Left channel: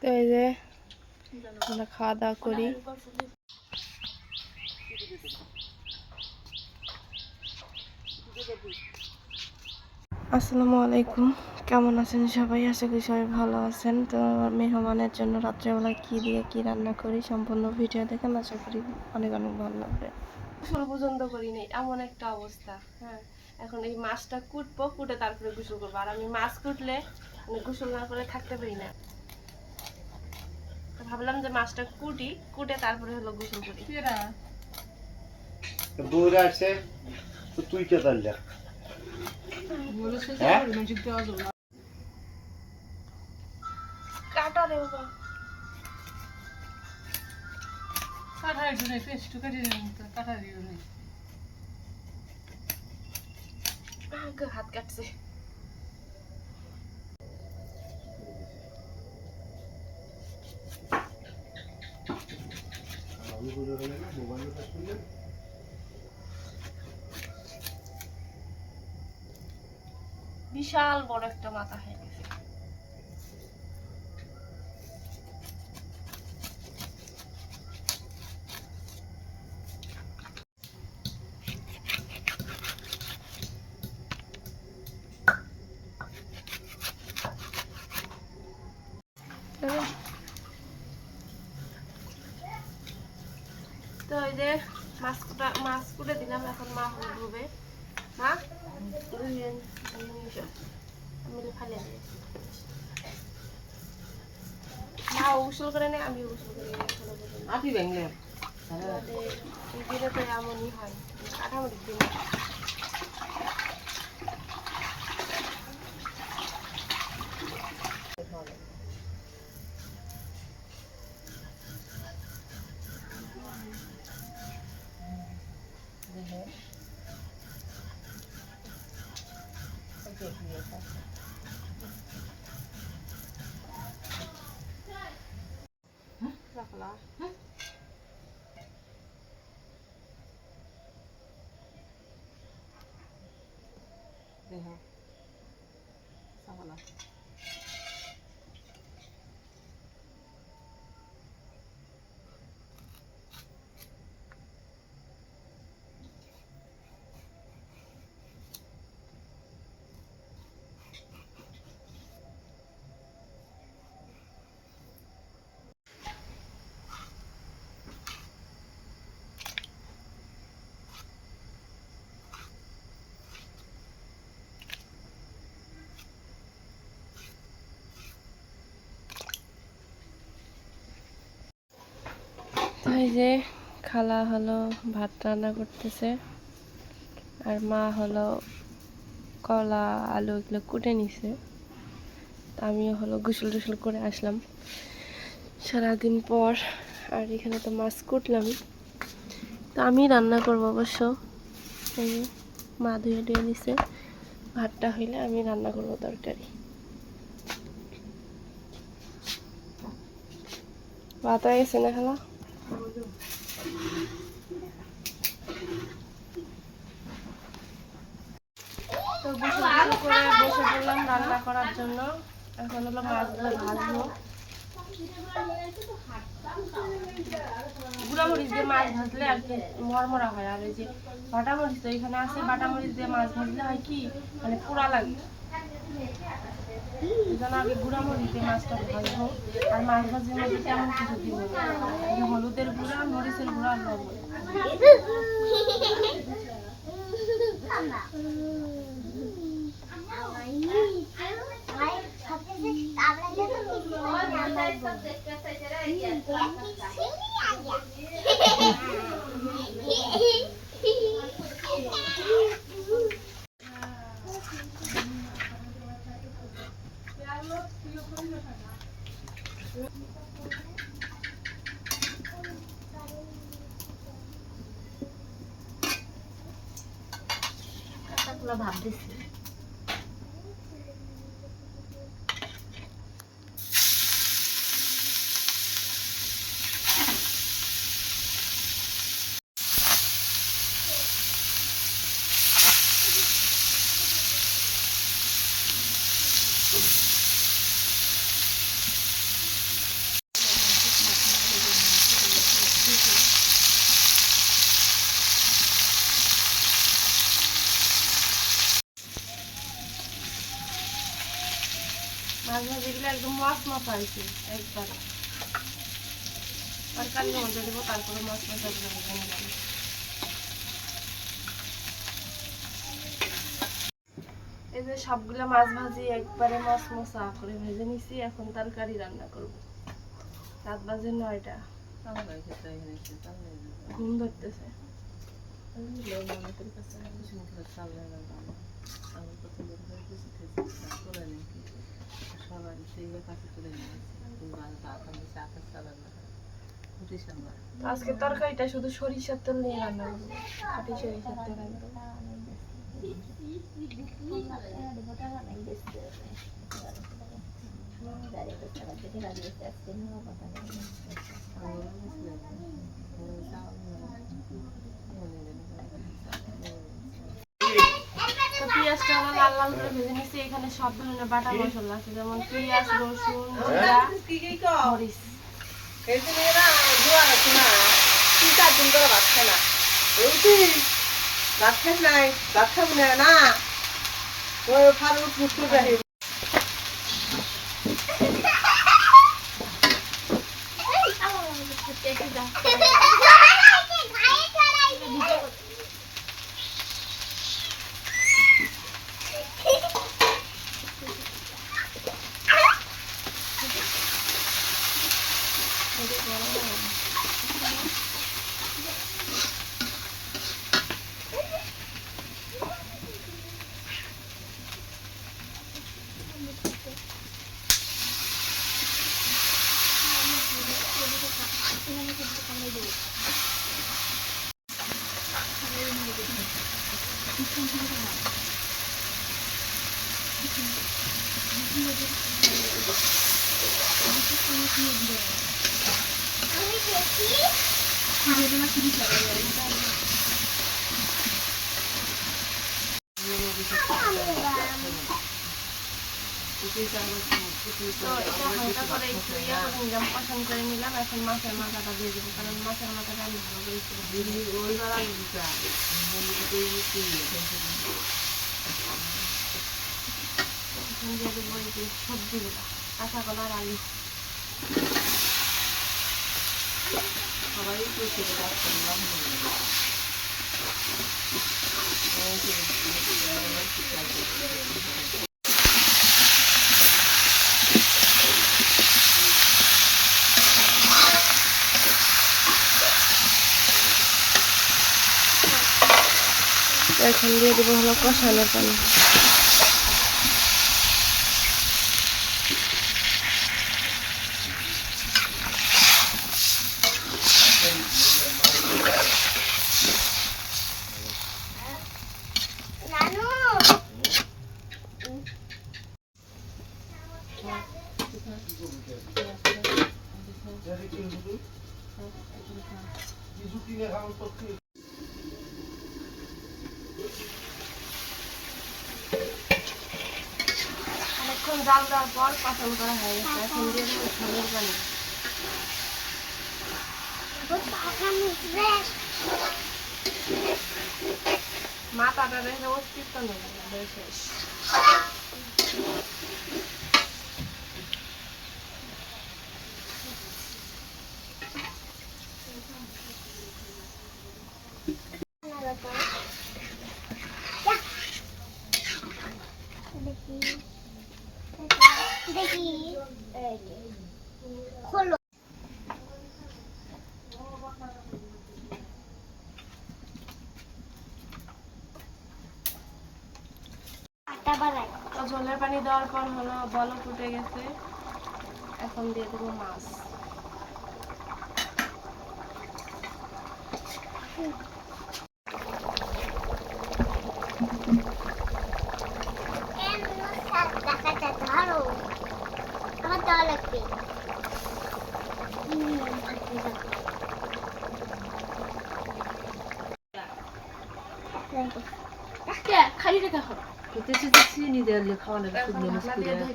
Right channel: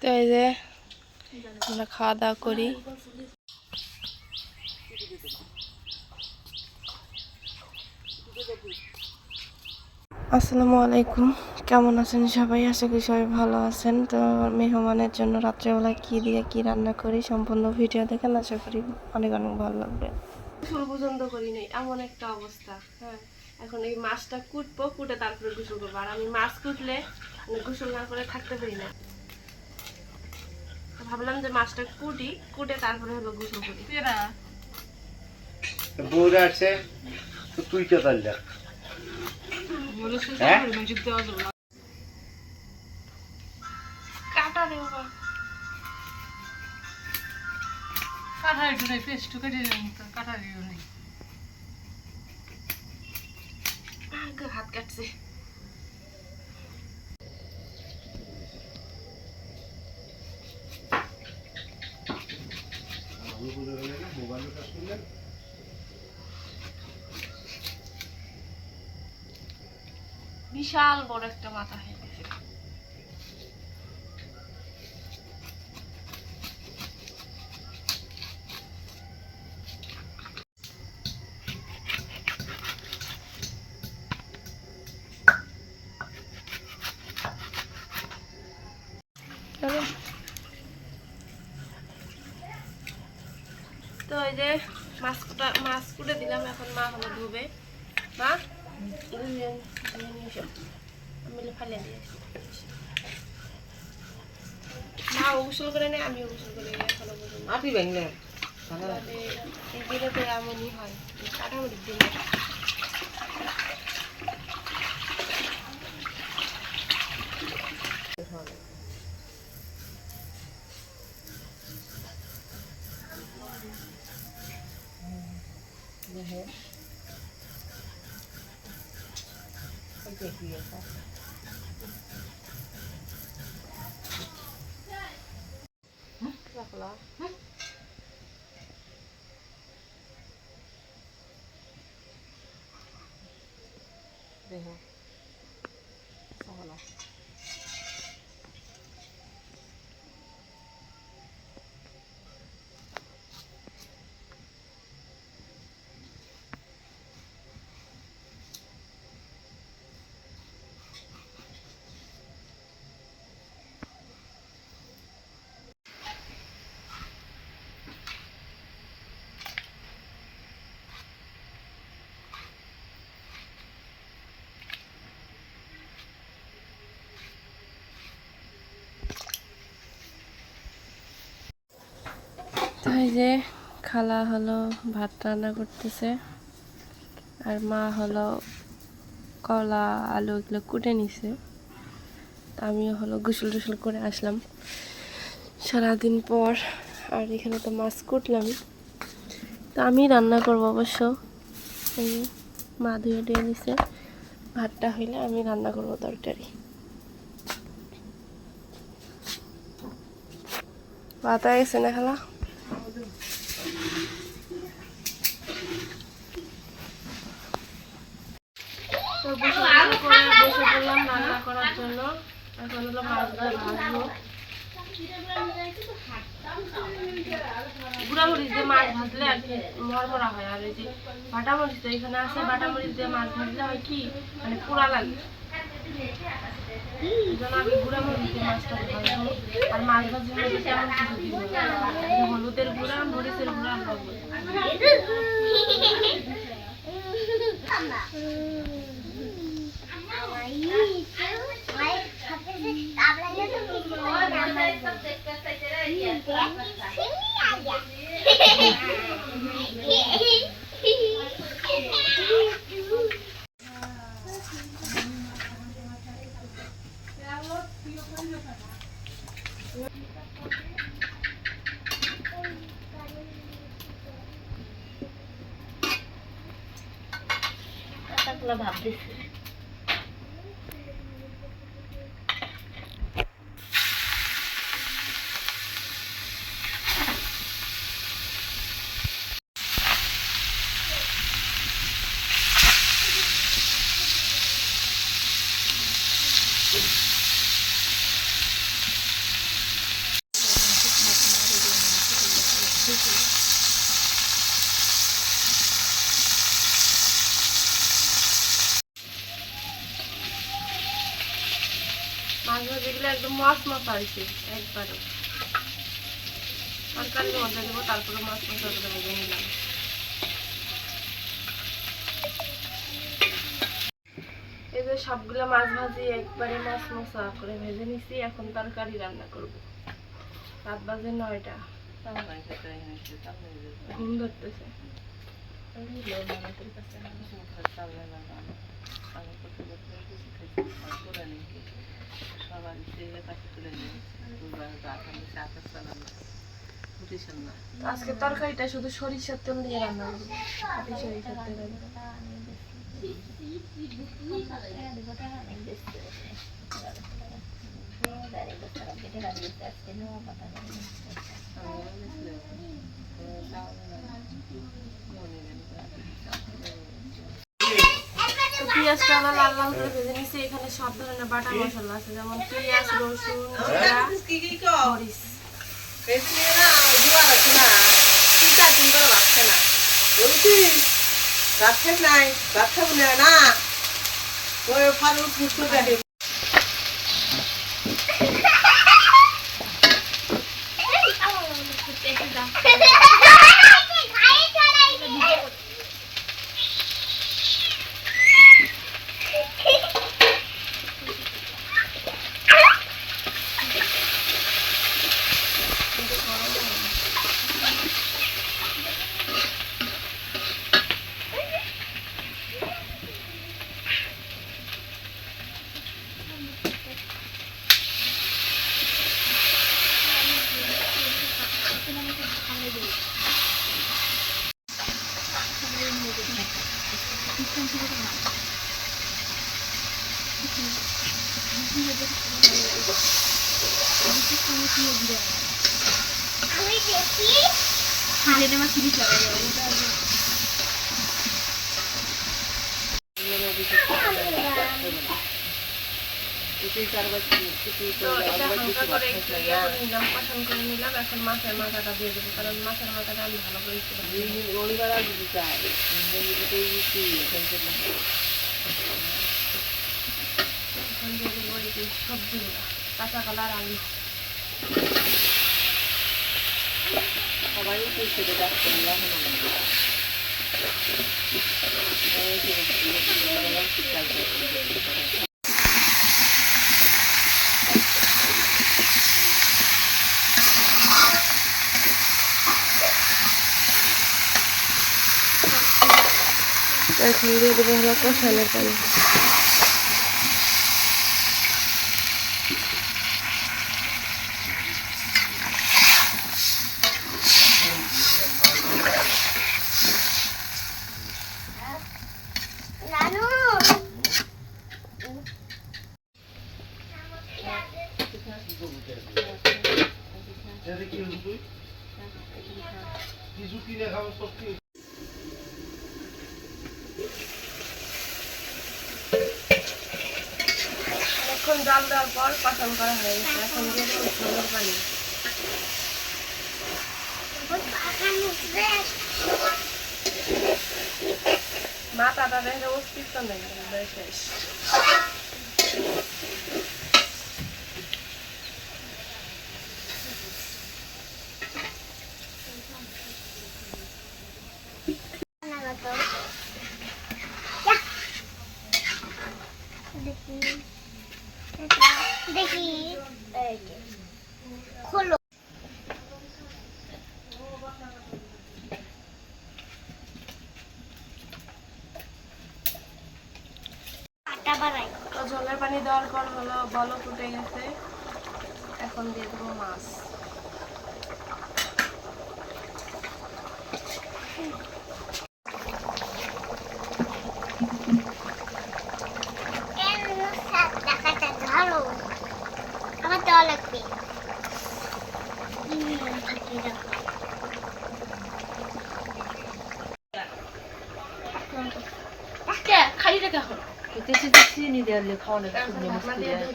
তো এই যে আমরা খাওয়া দাওয়া করি। আসসালামু আলাইকুম, কেমন আছেন সবাই? আশা করি সবাই ভালো আছেন। তো মেহমানের জন্য রাত্রেবেলা কি দিয়ে কি রান্না করি সম্পূর্ণ ভিডিও দেখেন, আশা করি অনেক অনেক ভালো লাগবে। গোসল পর্যন্ত করি নাই, এমন একটা অবস্থা। হ্যাঁ, এখন এই মাছটা কুটবো, কুটে তারপরে গোসল করবো। আর আমি মাছ কুটলে গোসল না করে থাকতে পারি না। ভাবলাম যে মাছটা কুটে তারপরে হলো গোসল করি। বউরা আছে তো তুই কে পারলা? কাটা রে বাবা, কাটা একটু নেই, পেস্ট কেটে নেই তো, কাটা দিও নেই। হাত কাটছে। বিশাল বড় একটা মাথা হয়ে গেছে। তো এই যে মাছ কুটে দিলাম, এখন মা হলো ধুবে। মা ধুয়ে নিয়ে এসো, আমি ফালিয়ে দিয়ে আসি। মা গোসল করে নেই, আমিও গোসল করে নিই এখনো পর্যন্ত। আটি ব্যাংলে এই দিনে তো এমনই হয়, কাঠামোর দিন। দেখো তো এই যে খালা হলো ভাত রান্না করতেছে, আর মা হলো কলা আলু এগুলো কুটে নিছে। তা আমিও হলো গোসল টোসল করে আসলাম সারাদিন পর। আর এখানে তো মাছ কুটলাম, তো আমি রান্না করবো অবশ্য। এই যে মা ধুয়ে নিছে, ভাতটা হইলে আমি রান্না করবো তরকারি। ভাত হয়ে গেছে না খালা? তো বসে পড়লাম রান্না করার জন্য। এখন হলো মাছগুলো ভাজবো। গুঁড়া মরিচ দিয়ে মাছ ভাজলে আর কি মরমরা হয়। আর এই যে বাটা মরিচ তো এখানে আছে, বাটা মরিচ দিয়ে মাছ ভাজলে হয় কি মানে পোড়া লাগে। এই জন্য আগে গুঁড়া মরিচ দিয়ে মাছটা ভাজবো। আর মাছ ভাজির মধ্যে তেমন কিছু দিব, হলুদের গুঁড়া, মরিচের গুঁড়া, লবণ। ভাব দিচ্ছি মাছ ভাজিগুলো একদম মাছ মাছ আর কি একবারে তরকারির মধ্যে দেবো, তারপরে মাছ মশলাগুলো ভেজে নিলাম। এই যে সবগুলো মাছ ভাজি একবারে মাছ মশলা করে ভেজে নিছি। এখন তরকারি রান্না করব। রাত বাজে 9টা, ঘুম ধরতেছে। আজকে তরকারিটা শুধু সরিষার তেল দিয়ে রান্না করবো, খাঁটি সরিষার তেল রান্না করবো। তো পেঁয়াজটা আমরা লাল লাল করে ভেজে নিচ্ছি। এখানে সব ধরনের বাটা মশলা আছে, যেমন পেঁয়াজ, রসুন, জিরা, মরিচ। পছন্দ করে নিলাম। এখন মাছের মাথাটা দিয়ে দেবো, কারণ মাছের মাথাটা আমি ভালো করে এখন দিয়ে দেবো এই যে সবজিগুলো, কাঁচা কলা আর আলু। সবাই এখন দিয়ে দেবো হলো কষানোর পানি। অনেকক্ষণ জাল দেওয়ার পর পাচন করা হয়ে গেছে। এখন দিয়ে দেবো ঝোলের পানি। মাথাটা দেখে অস্তিত্ব নেই, শেষ। দেখি খোলো। জলের পানি দেওয়ার পর হলো বলক উঠে গেছে। এখন দিয়ে দেবো মাছ। আমার দেওয়া লাগবে। খালি রেখে এখন চিনি দিয়ে খাওয়ানো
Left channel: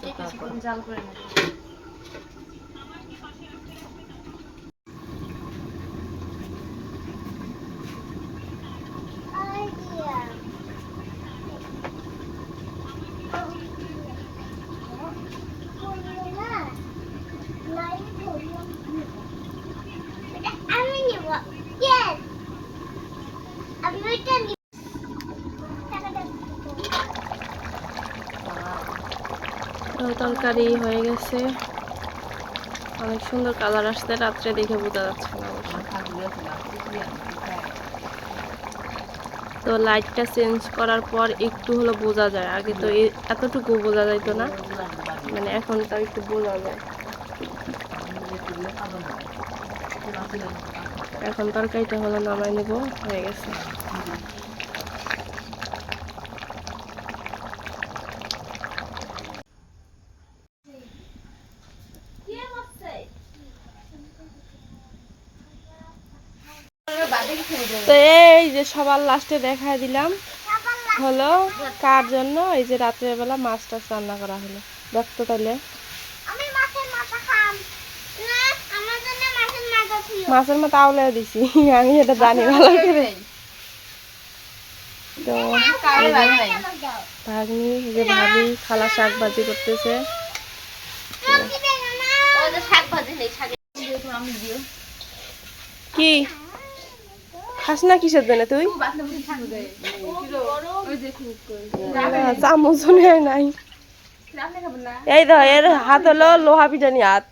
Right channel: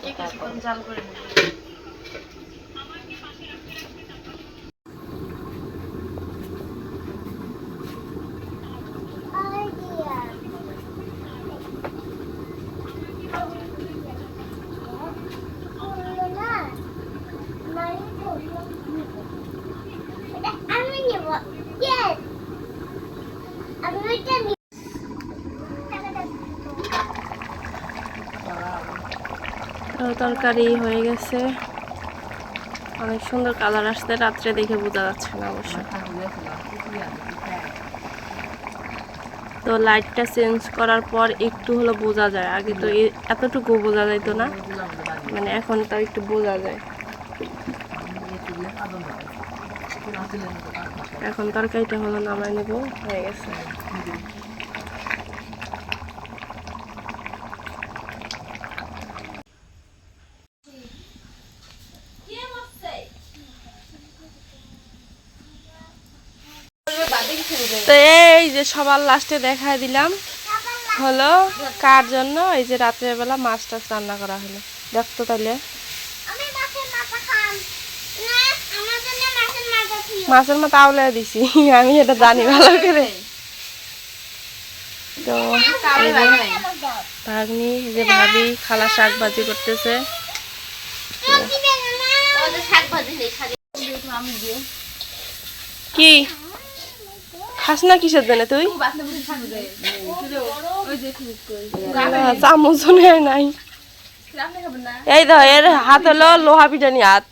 কিছুক্ষণ জাল করে নেব। তো তরকারি হয়ে গেছে, অনেক সুন্দর কালার আসছে, রাত্রে দেখে বোঝা যাচ্ছে না অবশ্য। তো লাইটটা চেঞ্জ করার পর একটু হলো বোঝা যায়, আগে তো এতটুকু বোঝা যাইতো না, মানে এখন তো একটু বোঝা যায়। এখন তরকারিটা হলো নামাই নেব, হয়ে গেছে। তো এই যে সবার লাস্টে দেখায় দিলাম হলো কার জন্য এই যে রাত্রের বেলা মাছ টাছ রান্না করা হলো। দেখতো তাহলে আমি মাছের মাথা খাম না, আমার জন্য মাছের মাথা দিও। মাছের মাথা আউলে দিছি আমি এটা জানি ভালো করে। তো এই যে ভাগ্নি, এই যে ভাবি খালা শাক ভাজি করতেছে। কি খাস না কিসের জন্য তুই? চামচ নাই। এই তো এর হাত হলো লোহা পিঠানি হাত,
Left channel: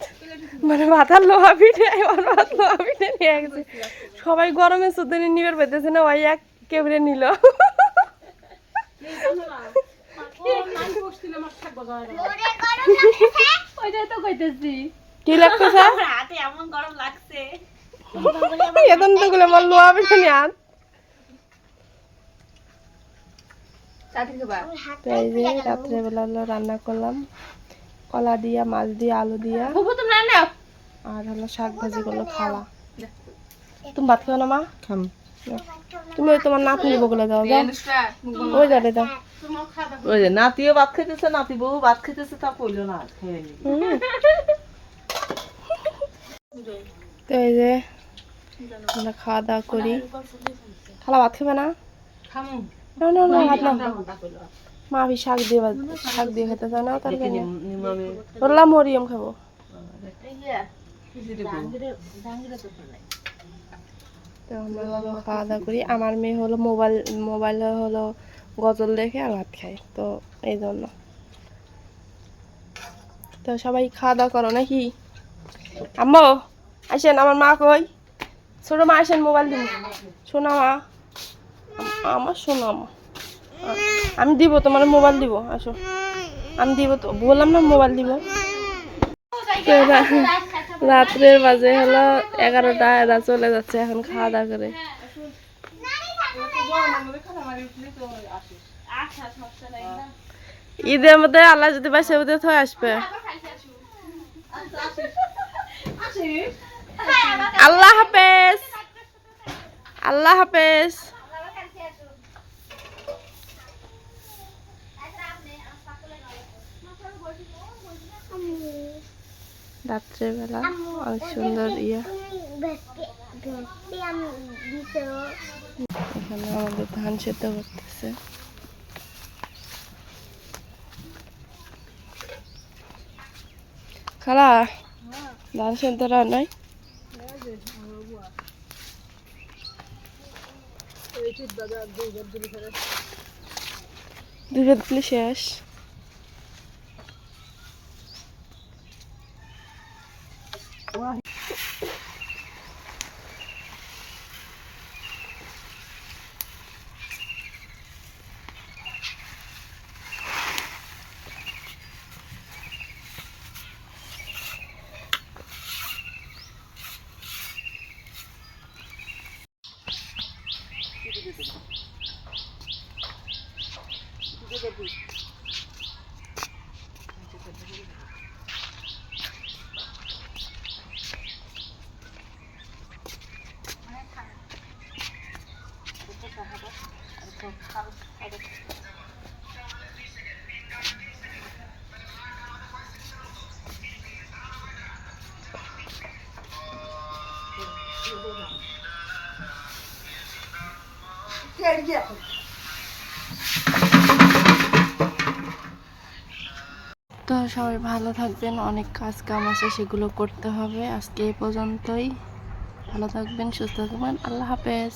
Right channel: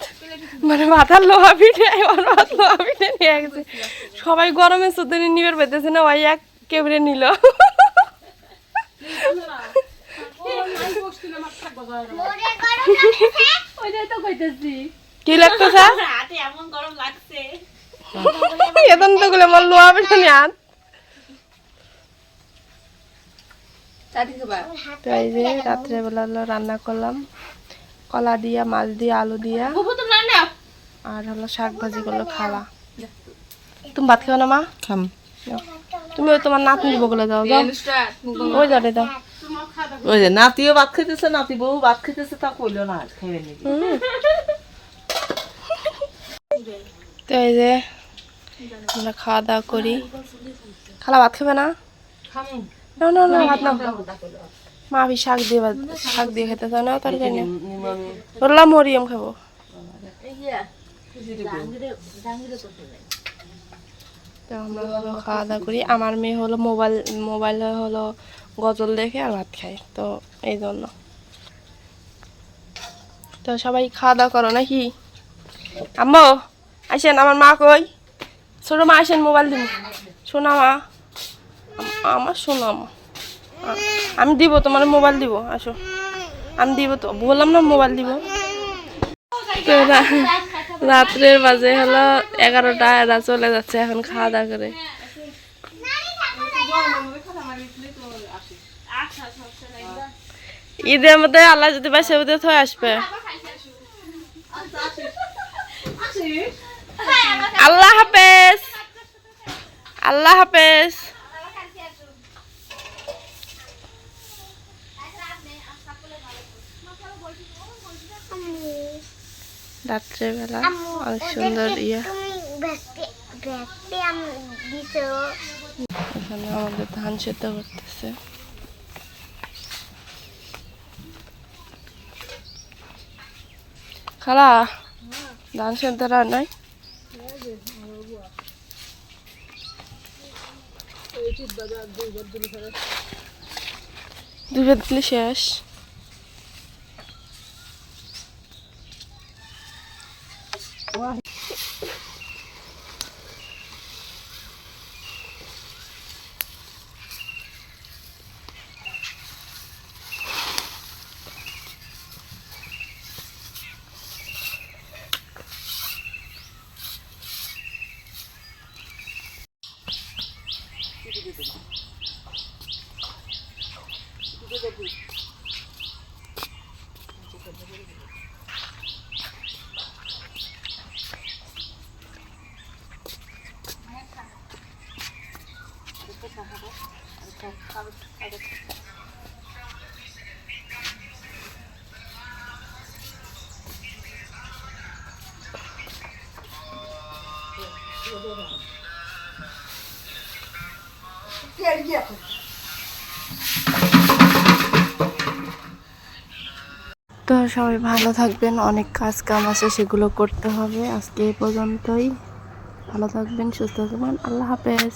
মানে মাথার লোহা পিঠে, লোহা পিঠে নিয়ে গেছে। সবাই গরমে সুতনি নিবের পেতেছে না, ওই এক কেবড়ে নিল। কি লাগতেছে? এখন তো গুলো আমার লোহা পিঠানি হাত। তো এই যে রাত্রেবেলা হলো রান্না করলাম কলা দিয়া, মাছ দিয়া, আলু দিয়া, আর হলো শাক ভাজি করলো খালা। তুমি ভাত খাও না মা? তুমি ওই তোমার নাতনি বগলে যাও, যাও ওই যাও দাও। ওই যে নাতিও ভাত খেতেছে, নাতি বউ ভাত খেতেছে, তা কইলো না আজ খেয়ে নিবি। তো এই যে আমরা খাওয়া দাওয়া করি। খালা ভাত খাবে না? না না না ভাত না, মা আমি শাক দিয়ে খেতে চাও না, তরকারি না বললাম মরিয়ম খাবো। তো আমরা হলো খাওয়া দাওয়া করি। আমার মেয়ে হলো মোবাইলে হলো গজল দেখে আর ভাত খায়, তো এই জন্য। তো সবাই খাওয়া দাওয়া করো নাকি? আম্মু আসেন, আমার মা কই? ছোট মা আসেন, মোবাইল দিব। শোনা মা, আমার শোনা মা, আমি দিব তোমার মোবাইল দিব, আসো আমি দিব, তো বললাম না মোবাইল দিব। তো রাত্রের বাজে হলো 11টা, এরা চলে যাচ্ছে এখন খাওয়া দাওয়া করে। ঈদের মধ্যে আল্লাহ যদি পাই সে বুঝে থয়ে আসবে। আল্লাহ হাফেজ, আল্লাহ হাফেজ। রাত্রেবেলা অনেক সুন্দর ইয়ে। এখানে আমাদের ধান সেদ্ধ করতেছে। খালা ধান সেদ্ধ রান্নায় দুইবার দিলে শেষ। তো সবাই ভালো থাকবেন, অনেক কাজ কাম আছে সেগুলো করতে হবে। আজকে এই পর্যন্তই, ভালো থাকবেন, সুস্থ থাকবেন, আল্লাহ হাফেজ।